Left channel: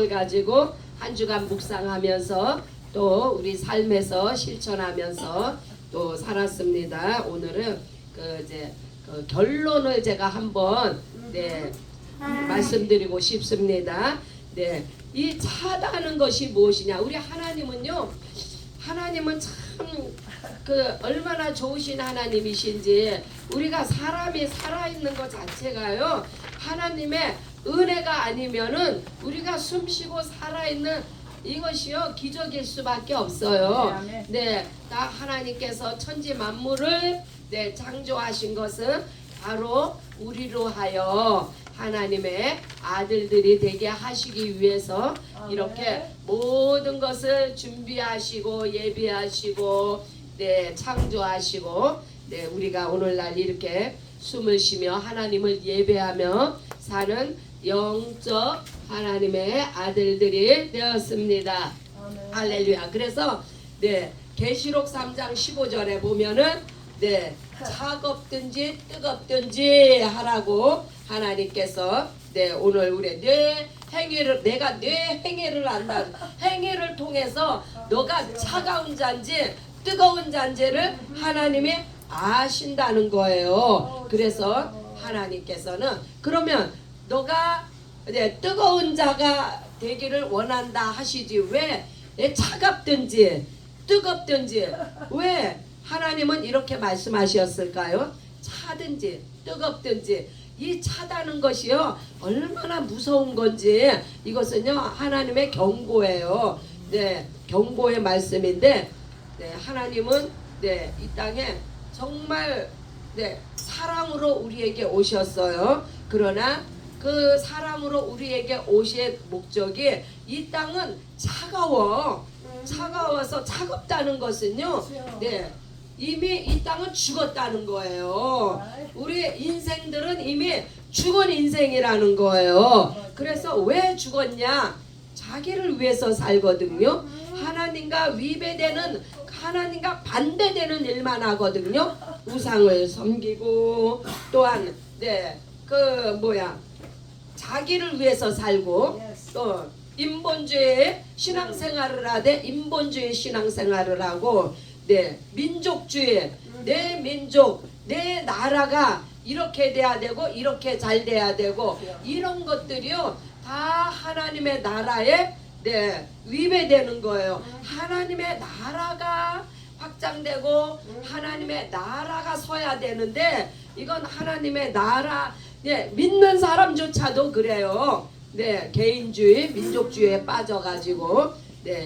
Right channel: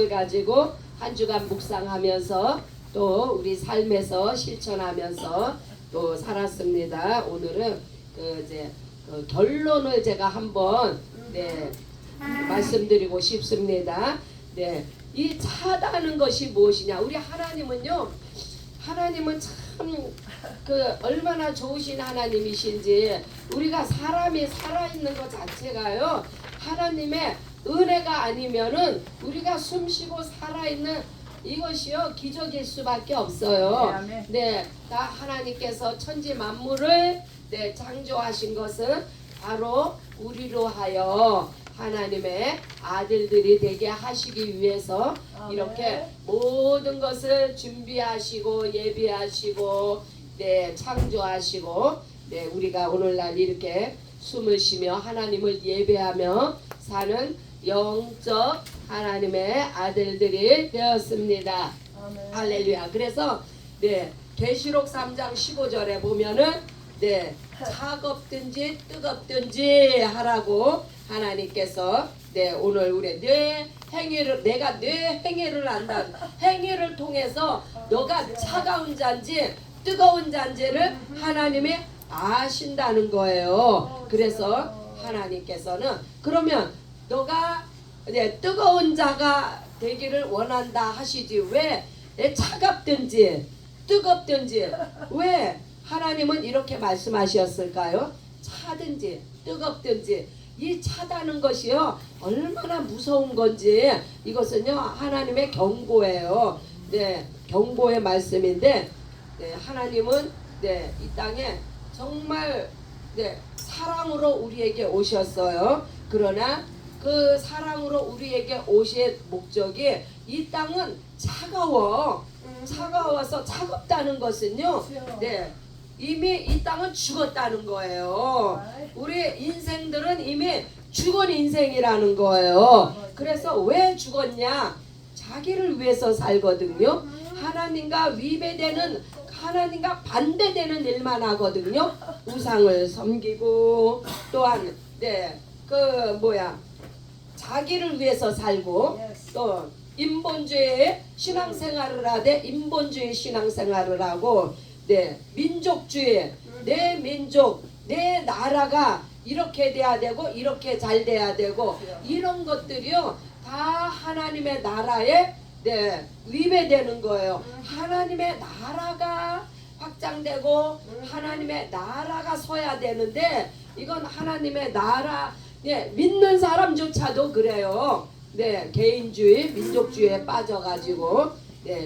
말씀을 가지고 한 주간 묵상하면서 또 우리 삶에서 실천하면서 또 살았습니다. 오늘은 그 결론을 제가 한번 말씀드리고 싶습니다. 이 차다는 것이 무엇이냐? 우리 하나님은요, 하나님은 참 얼마나 좋으신 하나님이신지, 우리가 사람이 살아있는 것 자체가요, 하나님의 은혜가 아니면은 우리가 숨쉬고 살아있는 이것이요 기적일 수밖에 없어요. 다 하나님께서 천지 만물을 창조하신 것은 바로 우리로 하여 하나님의 아들들이 되게 하시기 위해서 이렇게 모든 것을 준비하시고 예비하시고 창조하시고 우리가 오늘날 이렇게 숨을 쉬며 하나님을 예배하며 사는 영적 하나님의 아들들이 되었습니다. 할렐루야. 그래서 계시록 3장 15절에 보면은 차갑든지 뜨겁든지 하라고 하나님께서 오늘 우리 내 행위를, 내가 내 행위를 안다, 행위를 통해서 너가 차가운 잔지 뜨거운 잔지를 하나님이 아신다는 거예요. 그래서 하나님께서는 그러면 너가 뜨거운 자가 되기를 원한다 하시지 왜 차갑든지 뜨겁든지 왜 하나님은 이렇게 말씀하셨을까요? 차든지 뜨겁든지 이 차다는 것이요 얼마나 무서운 건지 이것은요 하나님의 경고예요. 경고의 말씀인데 하나님은 이 땅에 정말 사랑으로 우리에게 오셨어요. 그러나 그 사랑으로 우리에게 오실 목적이 이 땅은 차가워서 차갑다는 것은요 이미 이 땅은 죽었다는 거예요. 우리 인생들은 이미 죽은 인생이라는 거예요. 그래서 왜 죽었냐? 자기를 위해서 살거든요. 하나님과 위배되는, 하나님과 반대되는 일만 하거든요. 우상을 섬기고 또한 자기를 위해서 살고 또 인본주의 신앙생활을 하되 인본주의 신앙생활을 하고 민족주의, 내 민족, 내 나라가 이렇게 돼야 되고 이렇게 잘 돼야 되고 이런 것들이요 다 하나님의 나라에 위배되는 거예요. 하나님의 나라가 확장되고 하나님의 나라가 서야 되는데 이건 하나님의 나라 믿는 사람조차도 그래요. 개인주의, 민족주의에 빠져가지고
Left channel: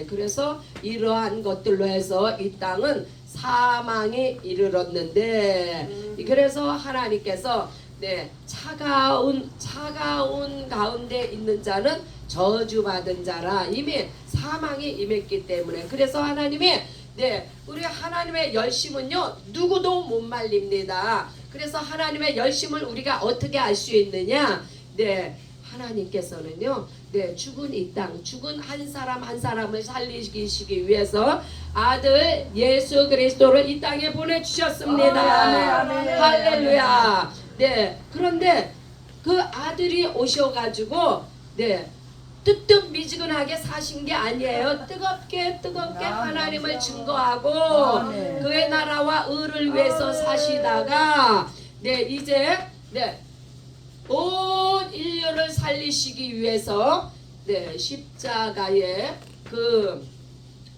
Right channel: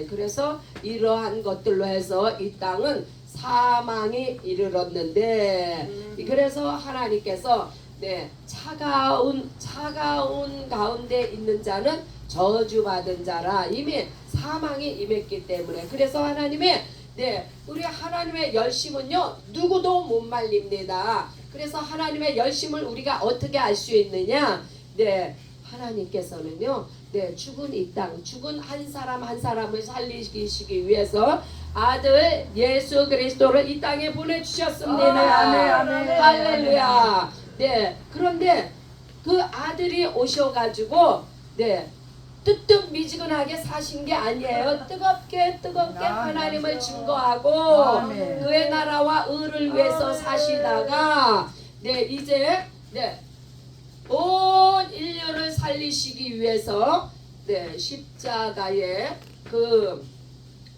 그래서 이러한 것들로 해서 이 땅은 사망이 이르렀는데 그래서 하나님께서 차가운 가운데 있는 자는 저주받은 자라 이미 사망이 임했기 때문에 그래서 하나님이 우리 하나님의 열심은요 누구도 못 말립니다. 그래서 하나님의 열심을 우리가 어떻게 알 수 있느냐? 하나님께서는요 죽은 이 땅, 죽은 한 사람 한 사람을 살리시기 위해서 아들 예수 그리스도를 이 땅에 보내주셨습니다. 할렐루야. 그런데 그 아들이 오셔가지고 뜨뜻미지근하게 사신 게 아니에요. 뜨겁게 하나님을 증거하고 그의 나라와 의를 위해서 사시다가 이제 온 인류를 살리시기 위해서 십자가의 그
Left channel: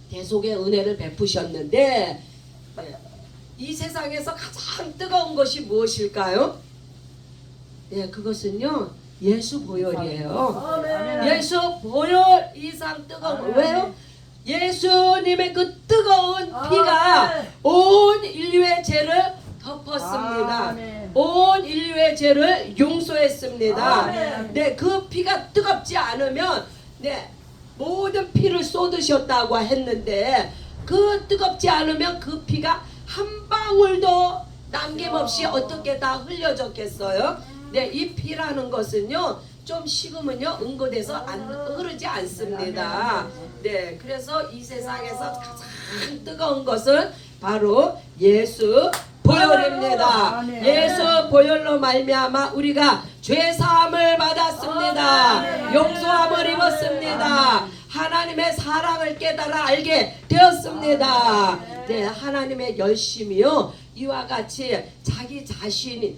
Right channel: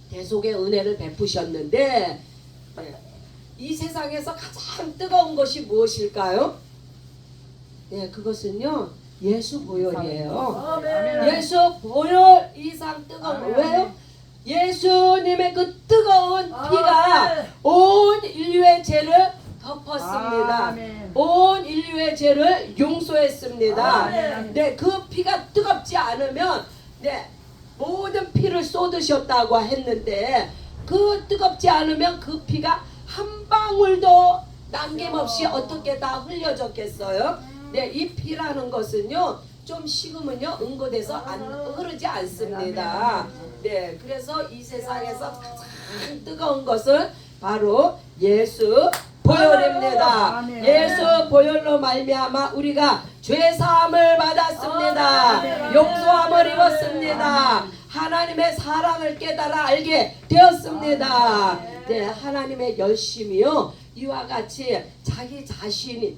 대속의 은혜를 베푸셨는데 이 세상에서 가장 뜨거운 것이 무엇일까요? 그것은요 예수 보혈이에요. 예수 보혈 이상 뜨거운 왜요? 예수님의 그 뜨거운 피가 온 인류의 죄를 덮었습니다. 온 인류의 죄를 용서했습니다. 그 피가 뜨겁지 않으면 모든 피를 쏟으셨다고 했는데 그 뜨겁지 않으면 그 피가 한 방울도 남김없이 어떻게 다 흘려졌겠어요? 이 피라는 것은요 좀 식으면요 응고돼서 흐르지 않습니다. 그래서 이 세상에서 가장 뜨거운 것은 바로 예수 보혈입니다. 아멘. 예수 보혈로 말미암아 우리가 죄 사함을 받았습니다. 아멘. 용서함을 입었습니다. 아멘. 하나님의 사랑을 깨달아 알게 되었습니다. 아멘. 네, 하나님의 열심이요 이와 같이 자기 자신이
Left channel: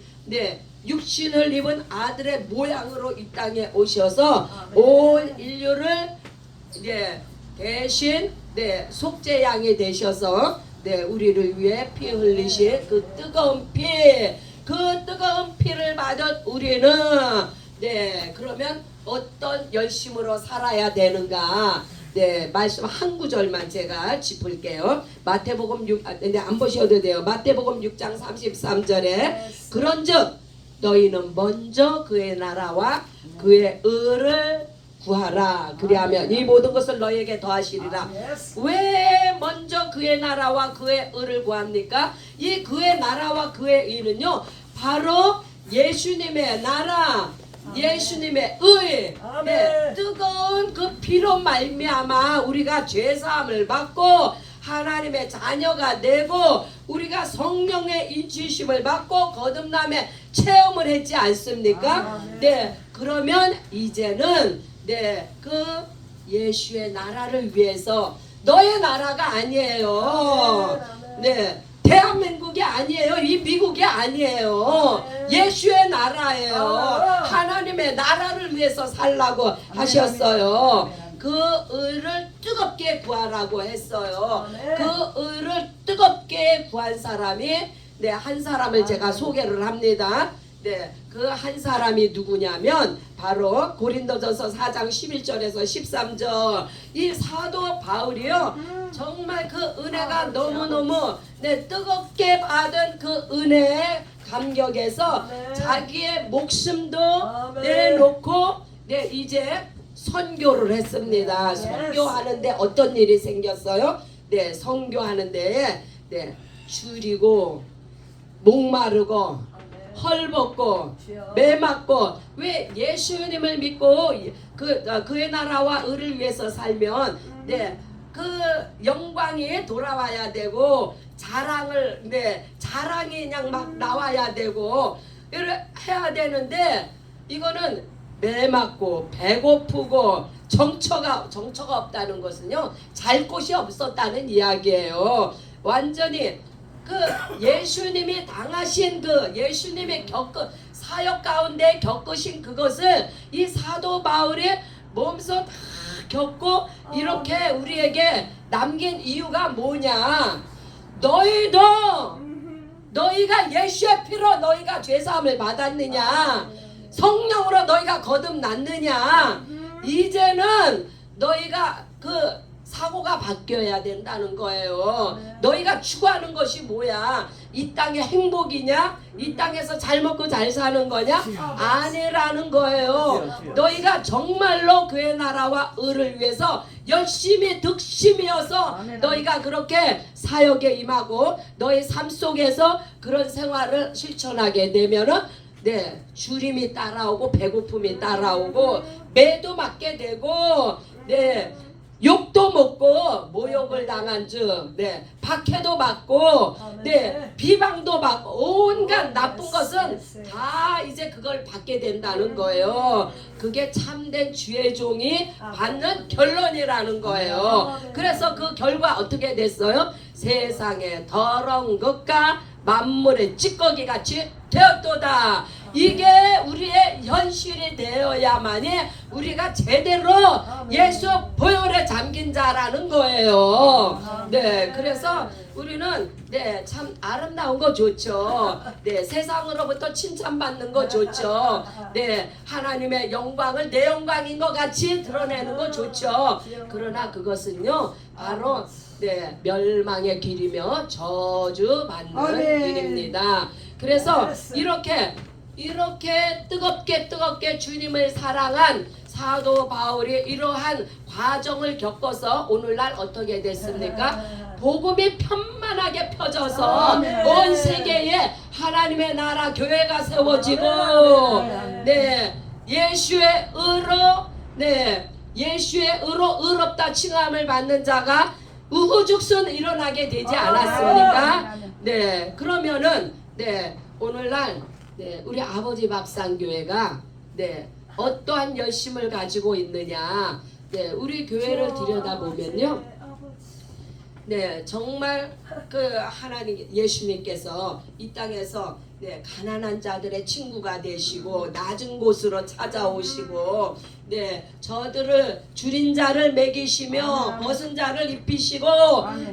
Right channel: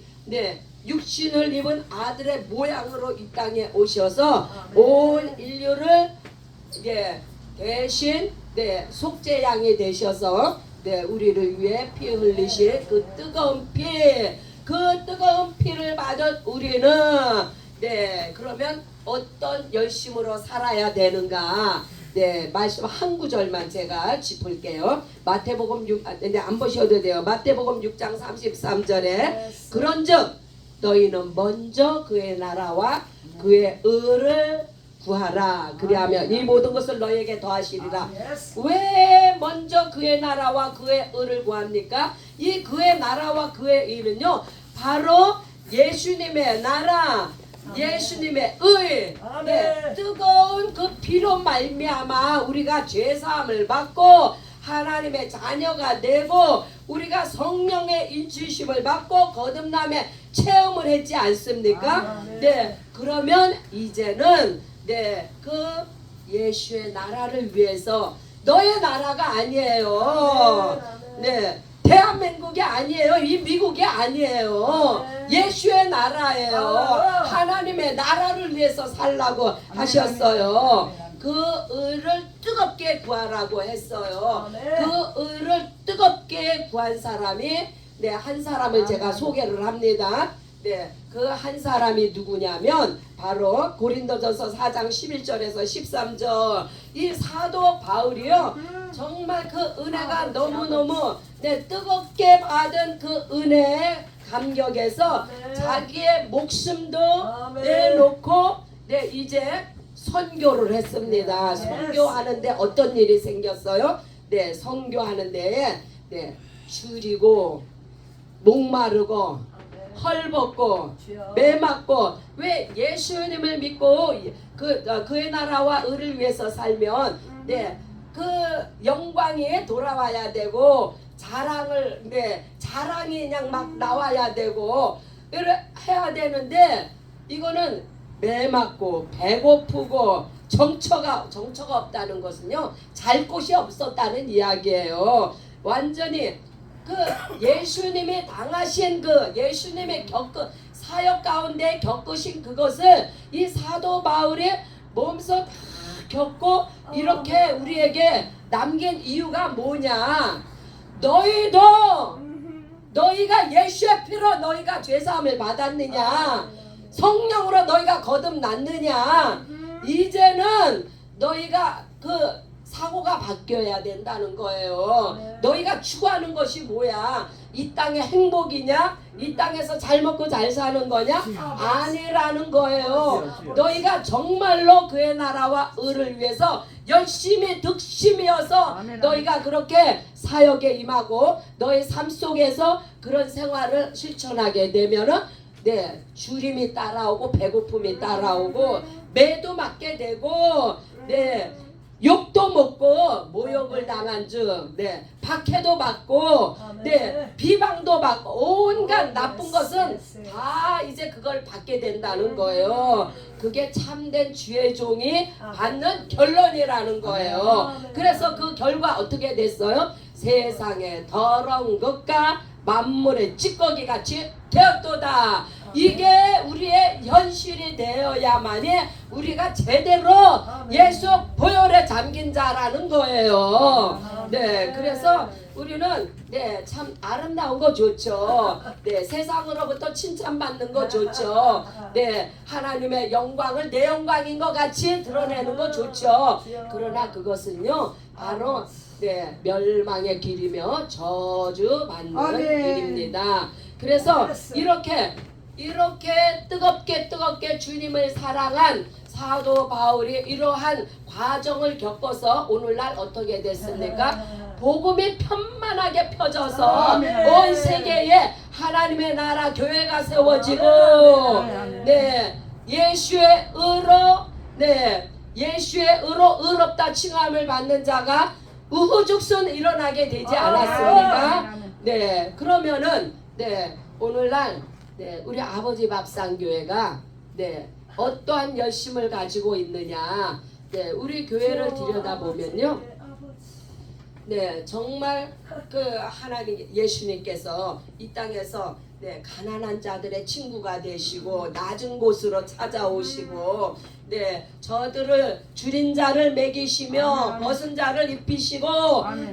육신을 입은 아들의 모양으로 이 땅에 오셔서 온 인류를 대신 속죄양이 되셔서 우리를 위해 피 흘리신 그 뜨거운 피를 받은 우리는 그러면 어떤 열심으로 살아야 되는가? 말씀 한 구절만 제가 짚을게요. 마태복음 6, 안 보셔도 돼요. 마태복음 6장 33절에 그런즉 너희는 먼저 그의 나라와 그의 의를 구하라. 그리하면 이 모든 것을 너희에게 더하시리라. 왜 먼저 그의 나라와 그의 의를 구합니까? 이 그의 나라와 그의 의는요 바로 예수님의 나라, 예수님의 의, 뜨거운 그 피로 말미암아 우리가 죄사함을 받고 하나님의 자녀가 되고 우리가 성령의 인치심을 받고 거듭남의 체험을 했지 않습니까? 그러면 이제는 그 예수의 나라를 위해서 너의 나라가 아니에요. 대한민국이 아니에요. 이 미국이 아니에요. 예수의 나라예요. 하나님의 나라를 위해서 살라고 하셨어요. 그 의를 뜨겁게 구하라고 했어요. 그 의를 뜨겁게 구한 사람이 한 사람을 제가 소개를 합니다. 그 한 사람이 누구냐면 바로 고린도전서 4장 11절에서 13절 이 사도 바울이요 정말 그 은혜가 너무너무 뜨겁게 받은 그 은혜의 감격에서 자기의 목숨도 내놓고 이제 선교를 했습니다. 선교하는데 어떤 일이 생겼어요? 선교하는데 줄이고 목마르고 헐벗고 매맞고 왜 예수님을 믿고 그의 나라와 의를 위해서 살면 그 영광이 돌아와야 되고 자랑이 그냥 막 나와야 되고 해야 되는데 이거는 매맞고 배고프고 정처가 없다는 것은요 잘 곳이 없었다는 이야기예요. 완전히 그 예수님이 당하신 그 예수님의 사역 가운데 겪으신 그것을 이 사도 바울이 몸소 다 겪고 이렇게 우리에게 남긴 이유가 뭐냐? 너희가 예수의 피로 너희가 죄사함을 받았느냐? 성령으로 너희가 거듭났느냐? 이제는 너희가 그 사고가 바뀌어야 된다는 거예요. 너희가 추구하는 것이 뭐야? 이 땅의 행복이냐? 이 땅에서 잘 먹고 잘 사는 거냐? 아니라는 거예요. 너희가 정말로 그의 나라와 의를 위해서 열심히 득심이어서 너희가 그렇게 사역에 임하고 너희 삶 속에서 그런 생활을 실천하게 되면은 주림이 따라오고 배고픔이 따라오고 매도 맞게 되고 욕도 먹고 모욕을 당한 즉 박해도 받고 비방도 받고 온갖 나쁜 것은 다 이제 그걸 받게 된다는 거예요. 그게 참된 주의 종이 받는 결론이라는 거예요. 그래서 그 결과 어떻게 됐어요? 세상에 더러운 것과 만물의 찌꺼기 같이 되었도다. 이게 우리의 현실이 되어야만이 우리가 제대로 예수 보혈에 잠긴 자라는 거예요. 그래서 우리는 참 아름다운 거 좋죠. 세상으로부터 칭찬받는 거 좋죠. 하나님의 영광을 내 영광인 것 같이 드러내는 거 좋죠. 그러나 그것은요 바로 멸망의 길이며 저주받는 길입니다. 그래서 이렇게 뜨겁게 주님을 사랑한 사도 바울이 이러한 과정을 겪어서 오늘날 어떻게 됐습니까? 복음이 편만하게 펴져서 온 세계에 하나님의 나라 교회가 세워지고 예수의 의로 의롭다 칭함을 받는 자가 우후죽순 일어나게 되지 않았습니까? 네, 그러면은 네, 오늘날 네, 우리 아버지 밥상교회가 네, 어떠한 열심을 가지고 있느냐. 네, 우리 교회를 들여다보면요. 네, 정말 그 하나님 예수님께서 이 땅에서 네, 가난한 자들의 친구가 되시고 낮은 곳으로 찾아오시고 네, 저들을 줄인 자를 먹이시며 벗은 자를 입히시고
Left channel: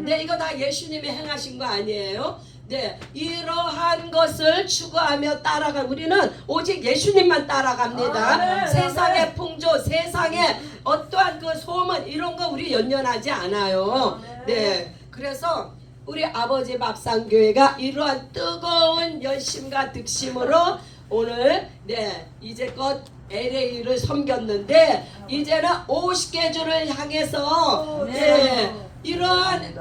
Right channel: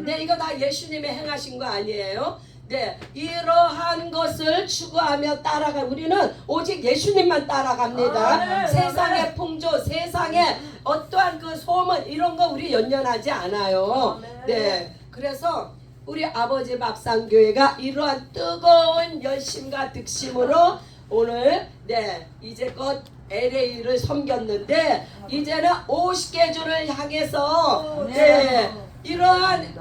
네, 이거 다 예수님이 행하신 거 아니에요? 네, 이러한 것을 추구하며 따라간 우리는 오직 예수님만 따라갑니다. 세상의 풍조, 세상의 어떠한 그 소문 이런 거 우리 연연하지 않아요. 네, 그래서 우리 아버지 밥상교회가 이러한 뜨거운 열심과 득심으로 오늘 네 이제껏 LA를 섬겼는데 이제는 50개주를 향해서 네 이러한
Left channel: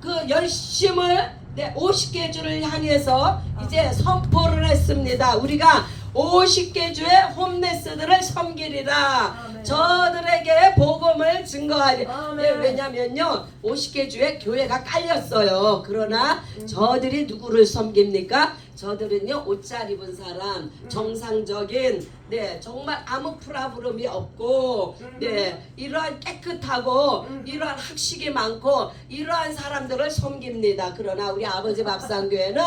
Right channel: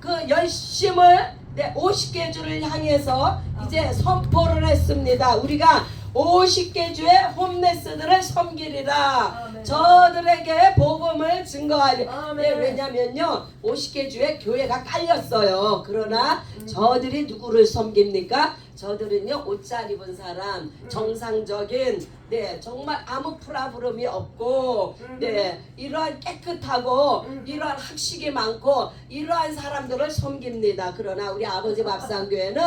그 열심을 네 50개주를 향해서 이제 선포를 했습니다. 우리가 50개주의 홈레스들을 섬기리라. 저들에게 복음을 증거하리. 네, 왜냐면요 50개주에 교회가 깔렸어요. 그러나 저들이 누구를 섬깁니까? 저들은요 옷 잘 입은 사람, 정상적인 네 정말 아무 프라브름이 없고 네 이러한 깨끗하고 이러한 학식이 많고 이러한 사람들을 섬깁니다. 그러나 우리 아버지 밥상교회는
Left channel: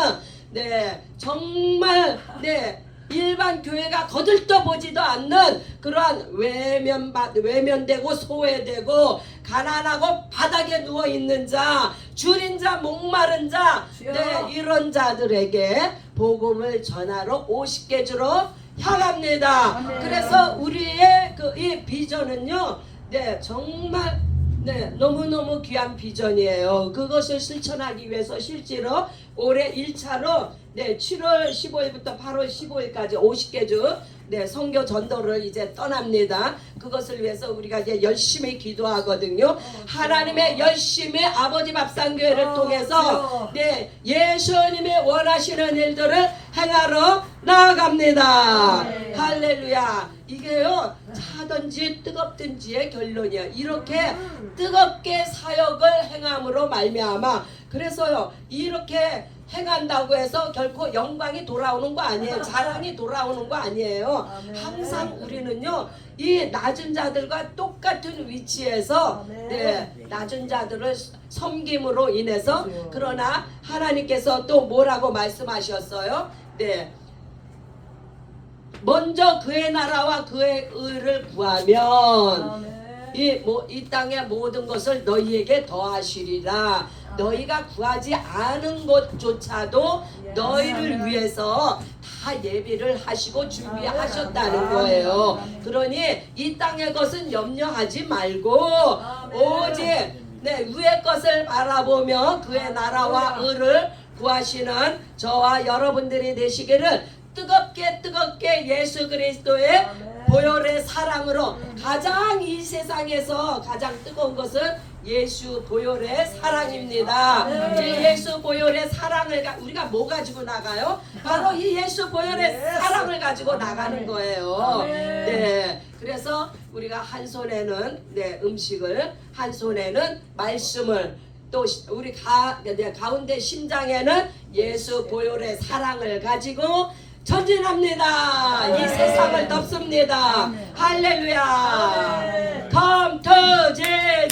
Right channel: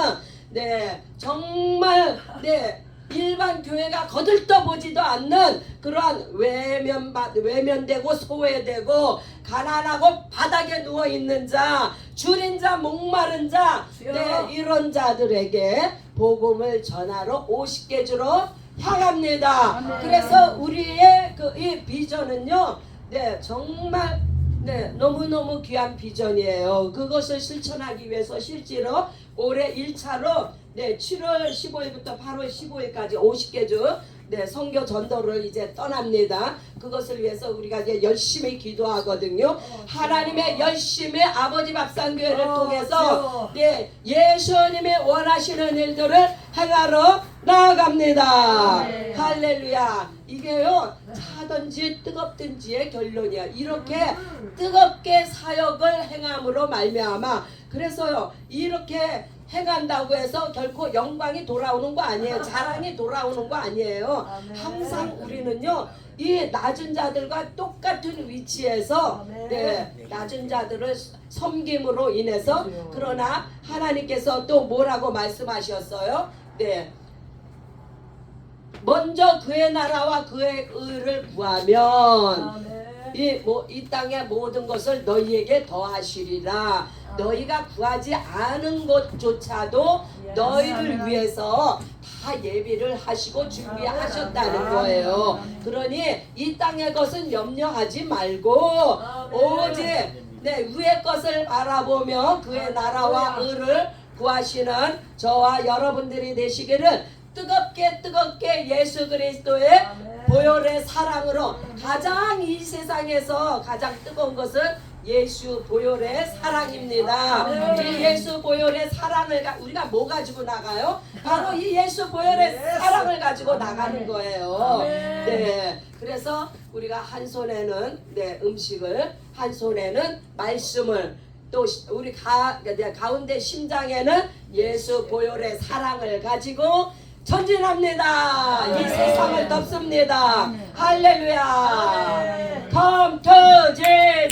네 정말 네 일반 교회가 거들떠보지도 않는 그러한 외면되고 소외되고 가난하고 바닥에 누워있는 자, 줄인 자, 목마른 자 네, 이런 자들에게 복음을 전하러 50개주로 향합니다. 그래서 우리의 그 이 비전은요 네 정말 네 너무너무 귀한 비전이에요. 그것을 실천하기 위해서 실제로 올해 1차로 네 7월 15일부터 8월 15일까지 50개주 네 선교 전도를 이제 떠납니다. 그것을 위해서 우리가 이제 열심히 기도하거든요. 하나님의 열심히 아버지 밥상교회를 통해서 네 예수님이 원하시는 일들을 행하러 나아갑니다. 할렐루야. 이게요 차든지 뜨겁든지의 결론이야. 이렇게 뜨겁게 사역을 행함으로 말미암아 그래서요 이렇게 행한다고 해서 결코 영광이 돌아오는 거 아니에요. 자랑이 돌아오는 거 아니에요. 항상 우리는요 이 낮은 자들과 똑같은 위치에서 네, 낮은 자들을 섬김으로 인해서 그러나 하나님께서 또 뭐라고 말씀하셨어요? 네. 먼저 그의 나라와 그의 의를 구하면 이 땅의 모든 것을 너희에게 더하시리라. 너희가 구하지 않은 것조차도 너희를 위해서 다 예비를 하시고 준비하셨다는 거예요. 그러니 이 땅의 것은 염려하지 말고 오직 네, 위의 것을 바라보며 그의 나라와 의를 구하시는 저와 여러분들이 되시기를 뜨겁게 예수 그리스도의 보혈의 사랑으로 가장 이 세상에서 가장 뜨거운 것은 예수 보혈의 사랑입니다. 이 예수 보혈의 사랑을 우리가 뭐 가지고 나가요? 바로 이 예수 보혈의 사랑을 가지고 나가는 거예요. 네, 그래서 우리가 한 손에는 네, 음식을, 한 손에는 말씀을, 또 우리 가운데 심장에는 예수 보혈의 사랑을 가지고 전진합니다. 이 세상을 덮습니다. 할렐루야. 컴 터제